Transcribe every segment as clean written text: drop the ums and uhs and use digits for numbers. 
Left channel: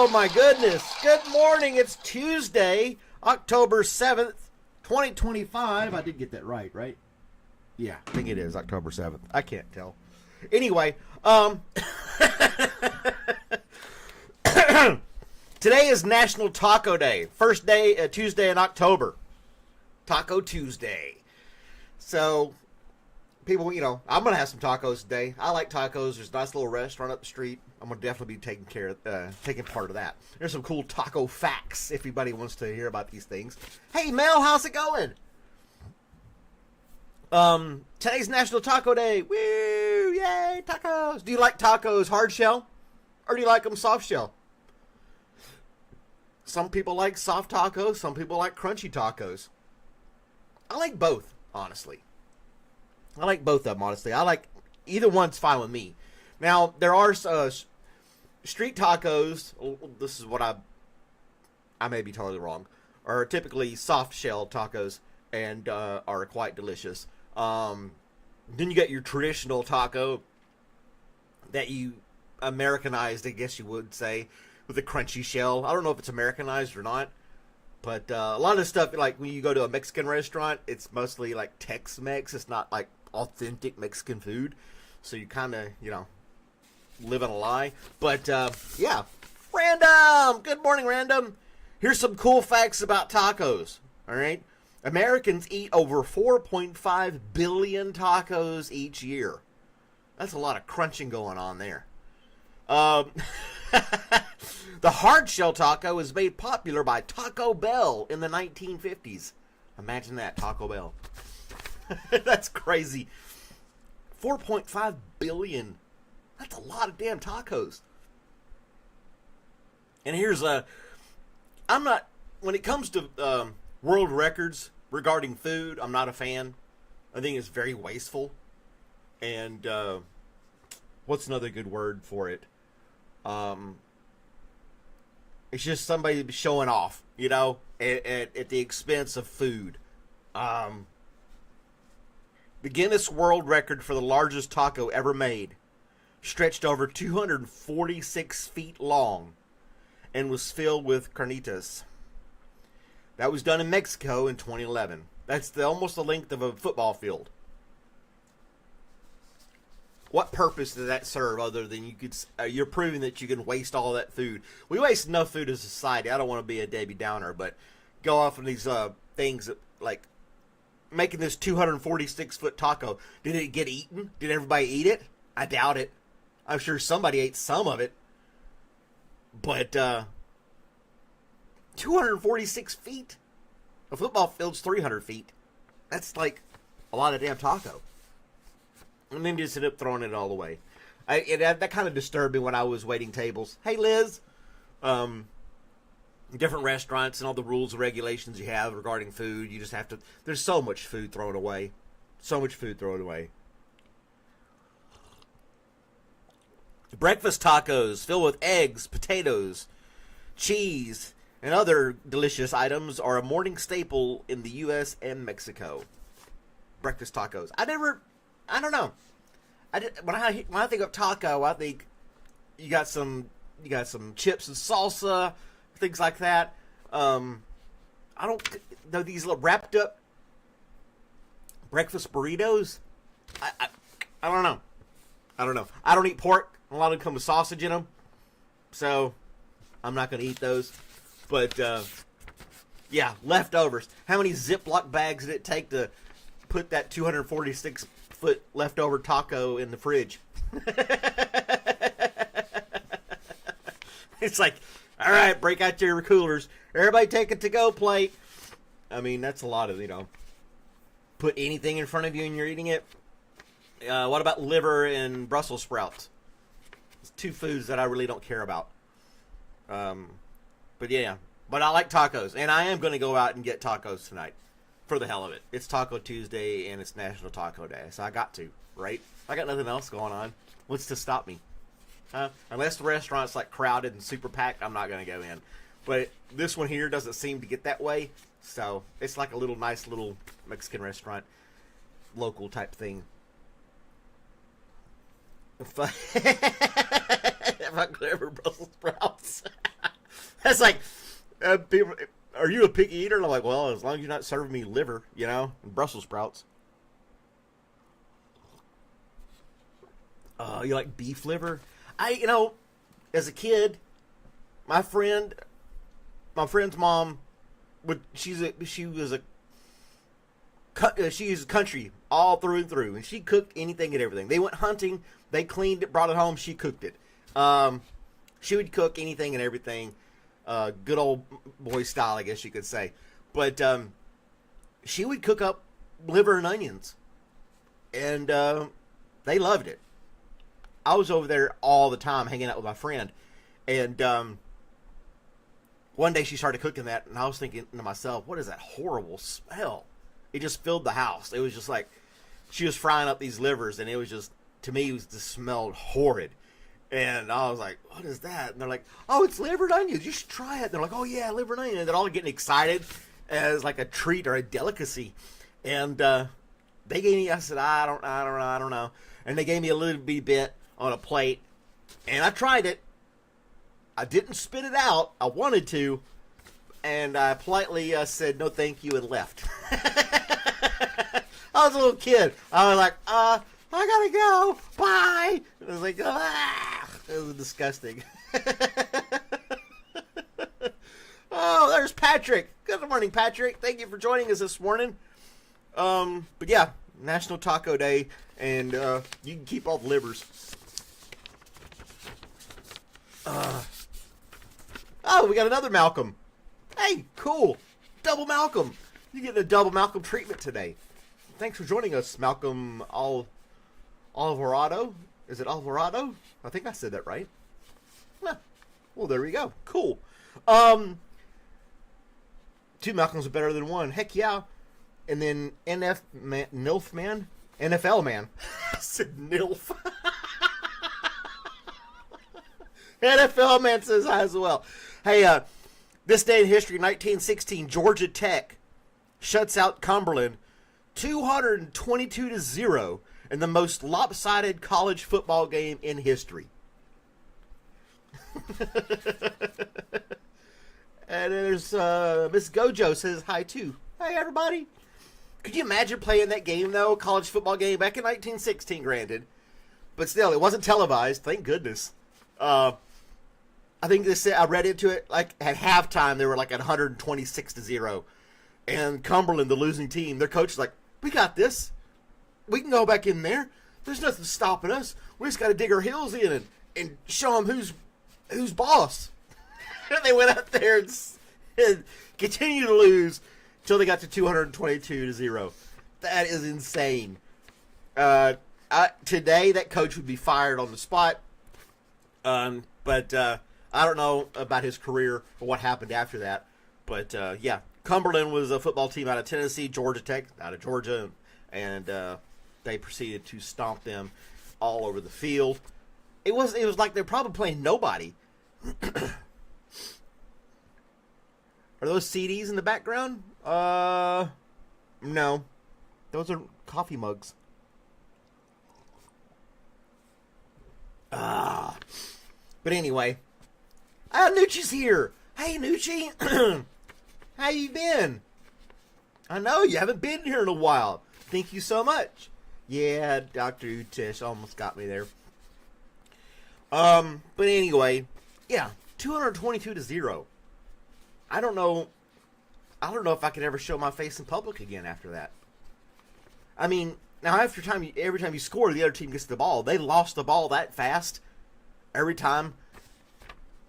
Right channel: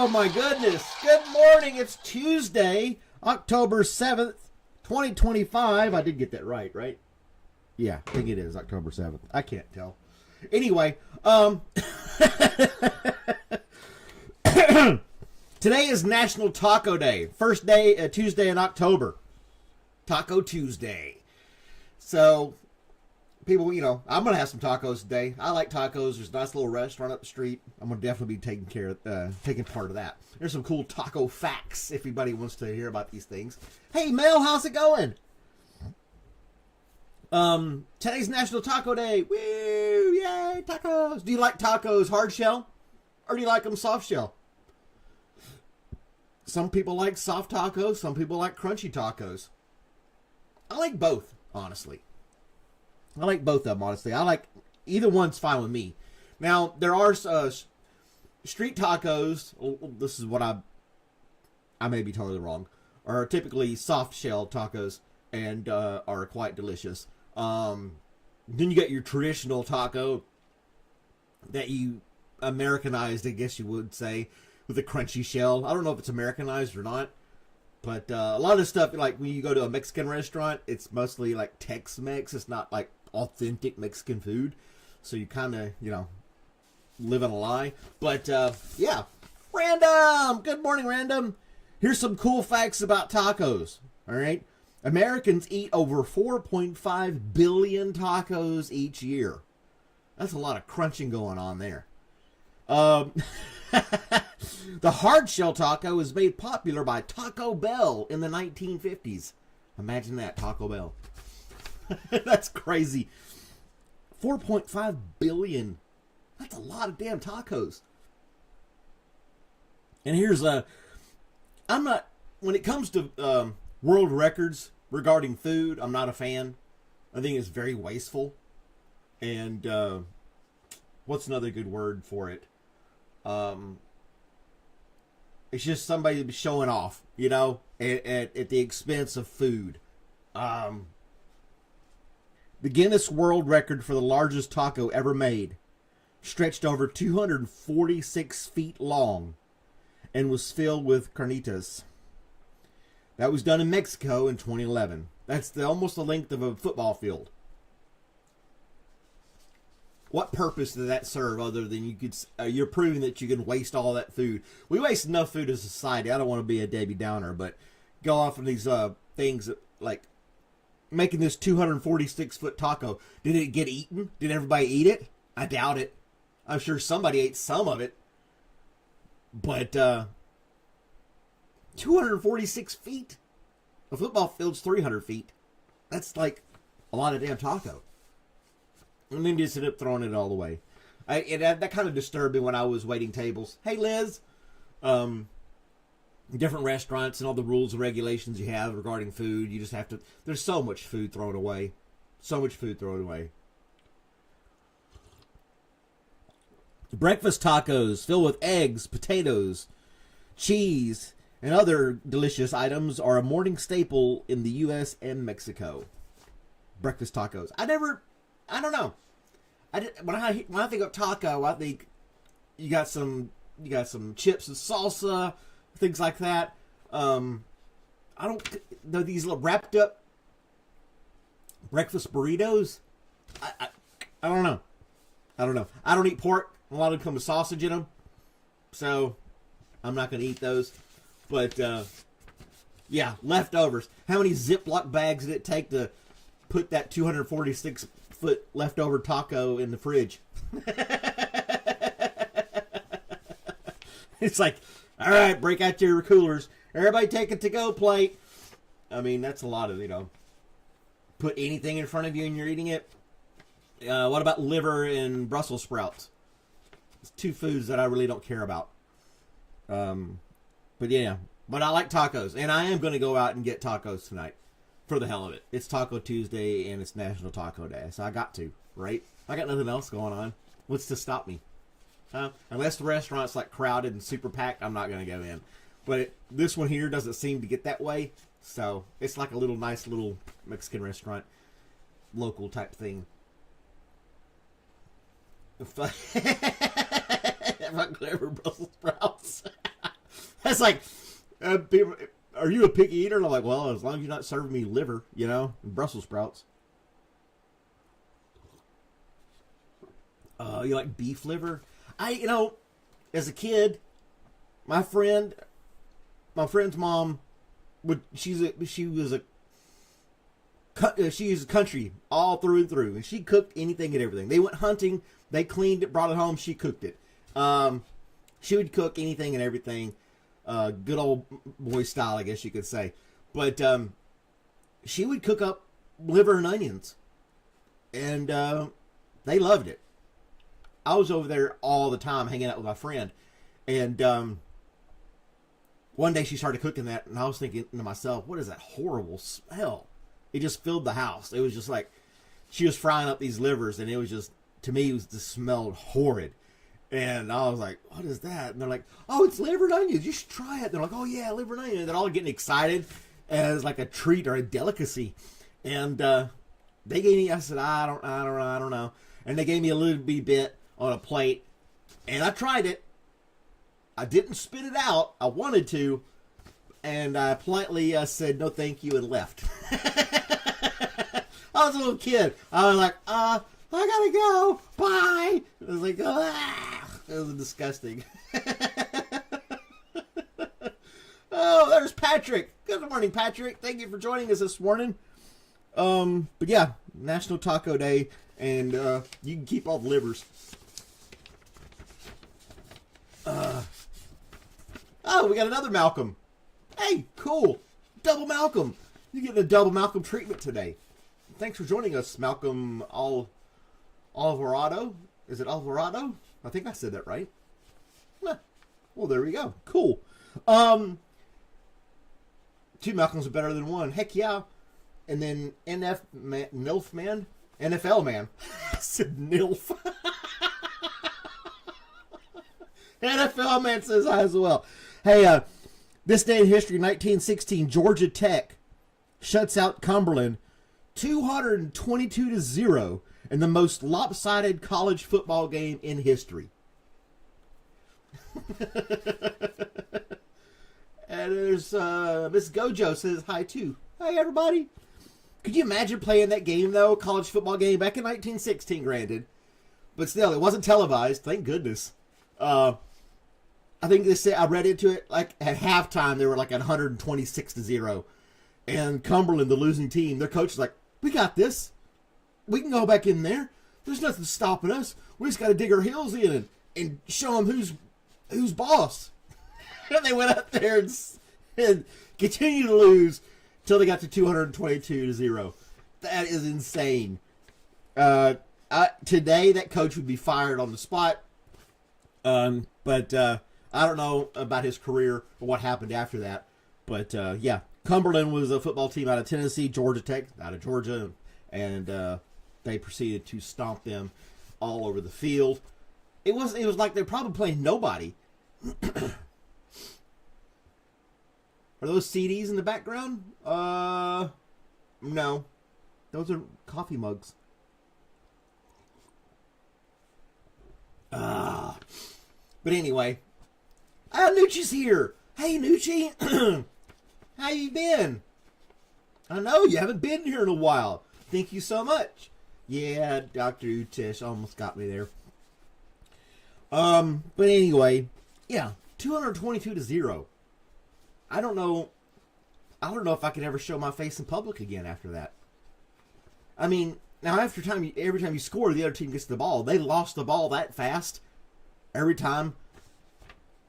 Oh my goodness. Good morning. It's Tuesday, October 7th, 2025. I did get that right? Yeah, I think it is October 7th. I can't tell. Anyway, today is National Taco Day. First day, Tuesday in October. Taco Tuesday. So, people, I'm going to have some tacos today. I like tacos. There's a nice little restaurant up the street. I'm going to definitely be taking part of that. There's some cool taco facts if anybody wants to hear about these things. Hey, Mel, how's it going? Today's National Taco Day. Woo! Yay, tacos. Do you like tacos hard shell? Or do you like them soft shell? Some people like soft tacos. Some people like crunchy tacos. I like both, honestly. I like both of them, honestly. I like either one's fine with me. Now, there are street tacos. This is what I may be totally wrong. Are typically soft shell tacos and are quite delicious. Then you get your traditional taco that you Americanized, I guess you would say, with a crunchy shell. I don't know if it's Americanized or not. But a lot of stuff, like when you go to a Mexican restaurant, it's mostly like Tex-Mex. It's not like authentic Mexican food. So you kind of, live in a lie. But, yeah. Random! Good morning, Random. Here's some cool facts about tacos. All right? Americans eat over 4.5 billion tacos each year. That's a lot of crunching going on there. The hard shell taco was made popular by Taco Bell in the 1950s. Imagine that, Taco Bell. That's crazy. 4.5 billion. That's a lot of damn tacos. And here's when it comes to world records regarding food, I'm not a fan. I think it's very wasteful. And what's another good word for it? It's just somebody showing off, at the expense of food. The Guinness World Record for the largest taco ever made stretched over 246 feet long and was filled with carnitas. That was done in Mexico in 2011. That's almost the length of a football field. What purpose does that serve other than you're proving that you can waste all that food? We waste enough food as a society. I don't want to be a Debbie Downer, but go off on these things like making this 246-foot taco. Did it get eaten? Did everybody eat it? I doubt it. I'm sure somebody ate some of it. But 246 feet? A football field's 300 feet. That's like a lot of damn taco. And then just ended up throwing it all away. That kind of disturbed me when I was waiting tables. Hey, Liz. Different restaurants and all the rules and regulations you have regarding food. You just have to... There's so much food thrown away. So much food thrown away. Breakfast tacos filled with eggs, potatoes, cheese, and other delicious items are a morning staple in the U.S. and Mexico. Breakfast tacos. I don't know. When I think of taco, I think you got some chips and salsa, things like that. I don't know these little wrapped up breakfast burritos. I don't know. I don't eat pork. A lot of them come with sausage in them, so I'm not going to eat those. But yeah, leftovers. How many Ziploc bags did it take to put that 246-foot leftover taco in the fridge? It's like, all right, break out your coolers. Everybody take a to-go plate. I mean, that's a lot of, put anything in front of you and you're eating it. What about liver and Brussels sprouts? It's two foods that I really don't care about. But yeah, but I like tacos. And I am going to go out and get tacos tonight. For the hell of it. It's Taco Tuesday and it's National Taco Day. So I got to, right? I got nothing else going on. What's to stop me? Unless the restaurant's like crowded and super packed, I'm not going to go in. But this one here doesn't seem to get that way. So it's like a nice little Mexican restaurant. Local type thing. If I clever Brussels sprouts. That's like, people, are you a picky eater? And I'm like, well, as long as you're not serving me liver, and Brussels sprouts. You like beef liver? As a kid, my friend's mom she's country all through and through, and she cooked anything and everything. They went hunting, they cleaned it, brought it home, she cooked it. She would cook anything and everything, good old boy style, I guess you could say. But she would cook up liver and onions, and they loved it. I was over there all the time hanging out with my friend, and one day she started cooking that, and I was thinking to myself, what is that horrible smell? It just filled the house. It was just like she was frying up these livers, and it was just, to me, it just smelled horrid. And I was like, what is that? And they're like, oh, it's liver and onions. You should try it. And they're like, oh, yeah, liver and onions. And they're all getting excited as like a treat or a delicacy. And they gave me, I said, I don't know. And they gave me a little bit on a plate. And I tried it. I didn't spit it out. I wanted to. And I politely said, no, thank you, and left. I was a little kid. I was like, I gotta go. Bye. I was like, ah. It was disgusting. Oh, there's Patrick. Good morning, Patrick. Thank you for joining us this morning. But yeah, National Taco Day, and you can keep all the livers. Oh, we got another Malcolm. Hey, cool. Double Malcolm. You get a double Malcolm treatment today. Thanks for joining us, Malcolm Alvarado. Is it Alvarado? I think I said that right. Huh. Well, there we go. Cool. Two Malcolms are better than one. Heck yeah. And then NFL man. I said NILF. NFL man says I as well. Hey, this day in history, 1916, Georgia Tech shuts out Cumberland 222-0 in the most lopsided college football game in history. And there's Miss Gojo says hi too. Hey everybody. Could you imagine playing that game though? College football game back in 1916, granted. But still, it wasn't televised, thank goodness. I think I read into it, like at halftime they were like at 126-0. And Cumberland, the losing team, their coach is like, we got this. We can go back in there. There's nothing stopping us. We just got to dig our heels in and show them who's boss. And they went out there and continued to lose until they got to 222-0. That is insane. Today, that coach would be fired on the spot. But I don't know about his career or what happened after that. But yeah, Cumberland was a football team out of Tennessee, Georgia Tech out of Georgia, and they proceeded to stomp them all over the field. It was like they're probably playing nobody. Are those CDs in the background? No. Those are coffee mugs. But anyway, Nucci's here. Hey, Nucci. How you been? I know you haven't been here in a while. Thank you so much. Yeah, Dr. Utish almost got me there. But anyway, yeah, 222-0. I don't know if I could ever show my face in public again after that. I mean, now every time you score, the other team gets the ball. They lost the ball that fast every time.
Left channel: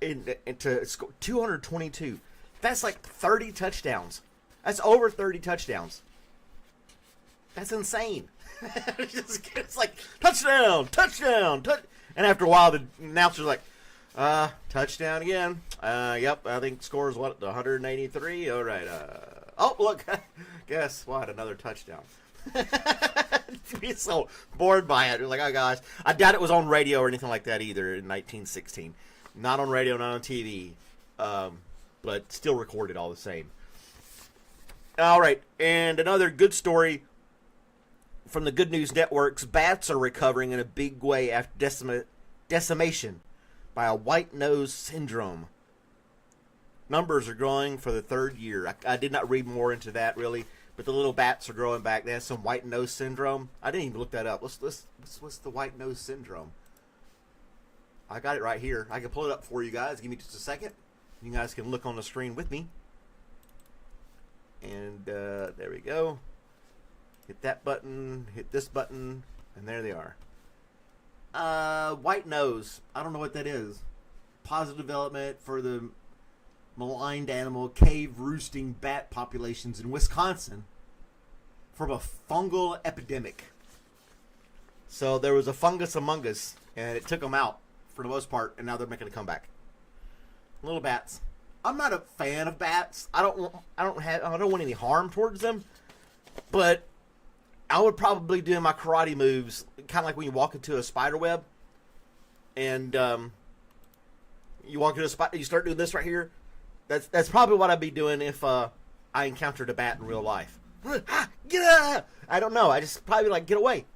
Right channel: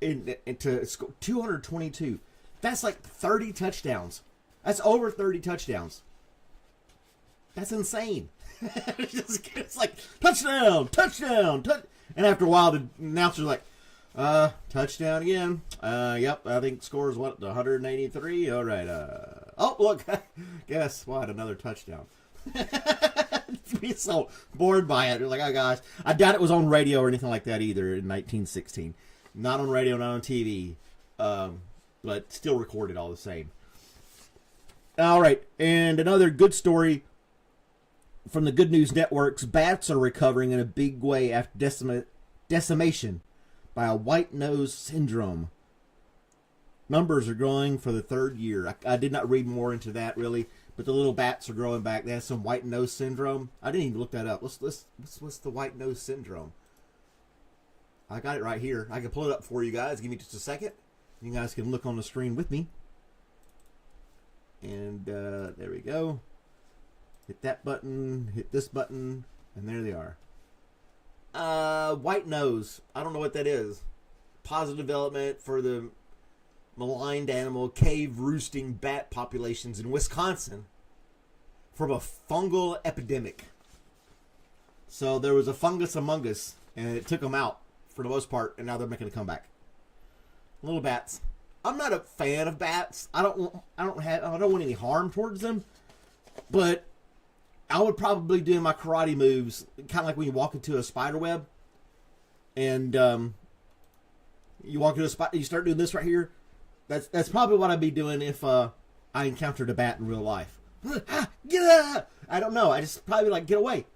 To score 222. That's like 30 touchdowns. That's over 30 touchdowns. That's insane. It's like, touchdown. And after a while, the announcer's like, touchdown again. Yep, I think score is 183? All right. Oh, look. Guess what? Another touchdown. Be so bored by it. Like, oh gosh. I doubt it was on radio or anything like that either in 1916. Not on radio, not on TV. But still recorded all the same. All right. And another good story from the Good News Networks. Bats are recovering in a big way after decimation by a white nose syndrome. numbers are growing for the third year. I did not read more into that really, but the little bats are growing back. They have some white nose syndrome. I didn't even look that up. What's the white nose syndrome? I got it right here. I can pull it up for you guys. Give me just a second. You guys can look on the screen with me. And there we go. Hit that button. Hit this button. And there they are. White nose. I don't know what that is. Positive development for the maligned animal cave roosting bat populations in Wisconsin from a fungal epidemic. So there was a fungus among us, and it took them out for the most part, and now they're making a comeback. Little bats. I'm not a fan of bats. I don't want any harm towards them, but I would probably do my karate moves kind of like when you walk into a spider web, and you walk into a spider, you start doing this right here. That's probably what I'd be doing if I encountered a bat in real life. Get up! I don't know. I just probably like get away.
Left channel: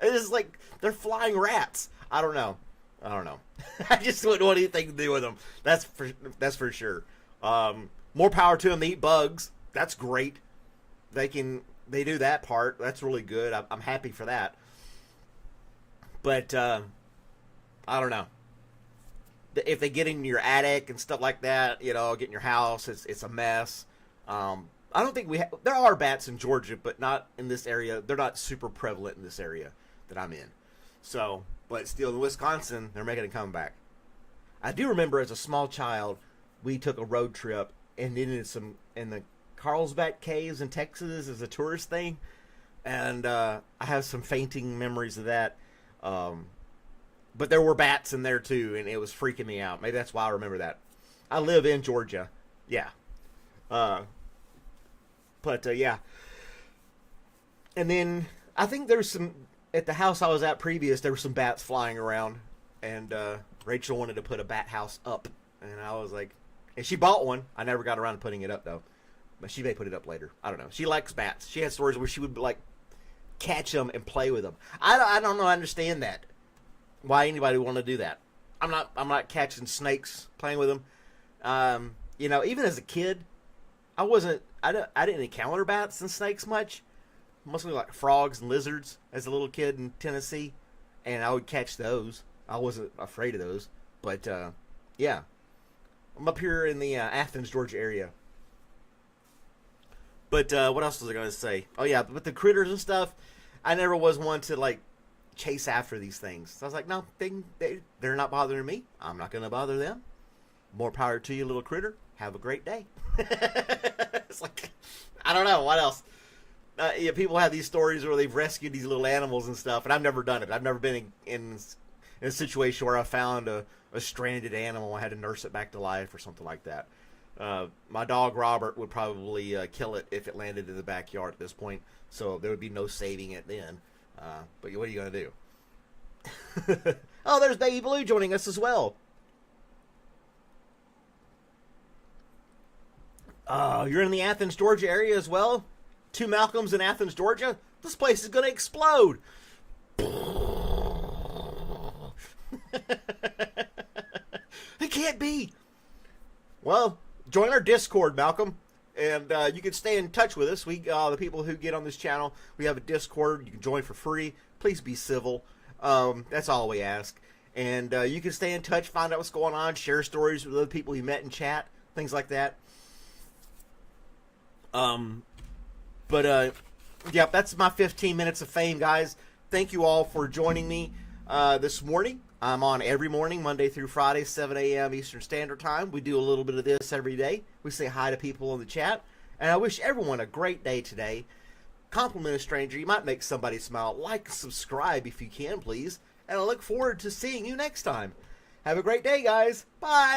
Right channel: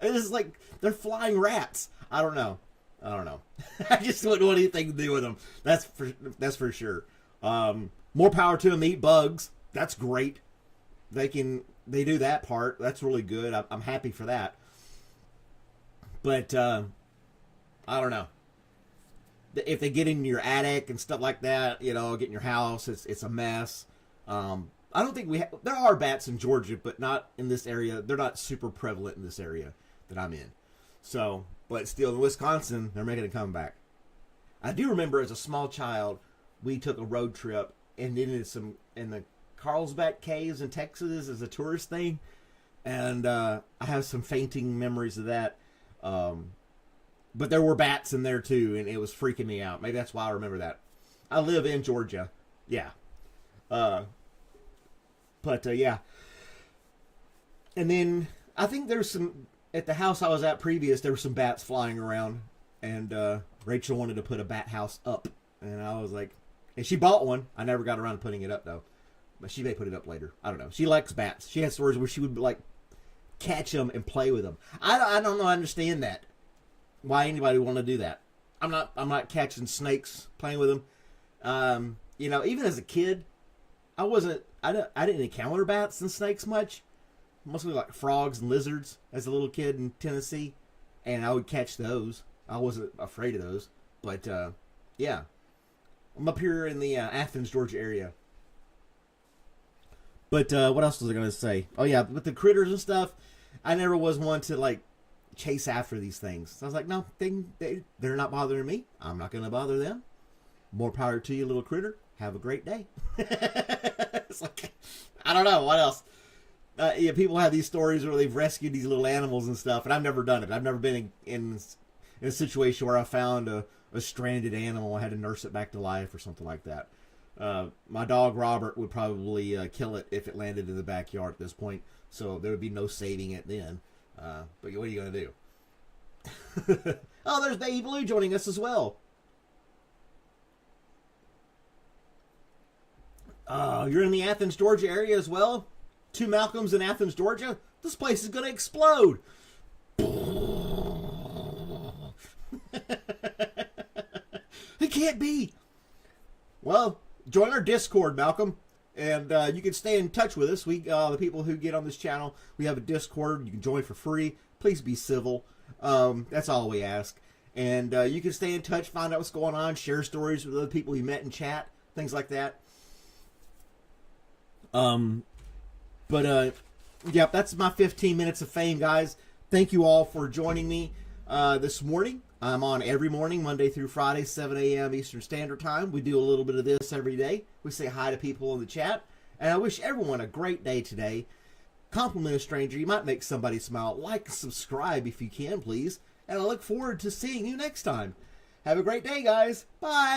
It's like they're flying rats. I don't know. I just wouldn't want anything to do with them. That's for sure. More power to them. They eat bugs. That's great. They do that part. That's really good. I'm happy for that. But I don't know. If they get in your attic and stuff like that, get in your house, it's a mess. I don't think there are bats in Georgia, but not in this area. They're not super prevalent in this area that I'm in. So, but still in Wisconsin, they're making a comeback. I do remember as a small child, we took a road trip and in the Carlsbad Caves in Texas as a tourist thing, and I have some fainting memories of that. But there were bats in there too, and it was freaking me out. Maybe that's why I remember that. I live in Georgia. Yeah. Yeah. And then I think there's some, at the house I was at previous, there were some bats flying around, and Rachel wanted to put a bat house up. And I was like, and she bought one. I never got around to putting it up though. But she may put it up later. I don't know. She likes bats. She has stories where she would like catch them and play with them. I don't know. I understand that. Why anybody would want to do that? I'm not catching snakes, playing with them. Even as a kid, I didn't encounter bats and snakes much. Mostly like frogs and lizards as a little kid in Tennessee, and I would catch those. I wasn't afraid of those, but yeah, I'm up here in the Athens, Georgia area. But what else was I going to say? Oh yeah, but the critters and stuff, I never was one to like chase after these things. So I was like, no, they're not bothering me. I'm not going to bother them. More power to you, little critter. Have a great day. It's like, I don't know what else. People have these stories where they've rescued these little animals and stuff, and I've never done it. I've never been in a situation where I found a stranded animal and I had to nurse it back to life or something like that. My dog Robert would probably kill it if it landed in the backyard at this point, so there would be no saving it then. But what are you going to do? Oh, there's Baby Blue joining us as well. You're in the Athens, Georgia area as well? Two Malcolms in Athens, Georgia? This place is going to explode. It can't be. Well, join our Discord, Malcolm. And you can stay in touch with us. The people who get on this channel, we have a Discord. You can join for free. Please be civil. That's all we ask. And you can stay in touch, find out what's going on, share stories with other people you met in chat, things like that. Yeah, that's my 15 minutes of fame, guys. Thank you all for joining me this morning. I'm on every morning, Monday through Friday, 7 a.m. Eastern Standard Time. We do a little bit of this every day. We say hi to people in the chat. And I wish everyone a great day today. Compliment a stranger. You might make somebody smile. Like and subscribe if you can, please. And I look forward to seeing you next time. Have a great day, guys. Bye.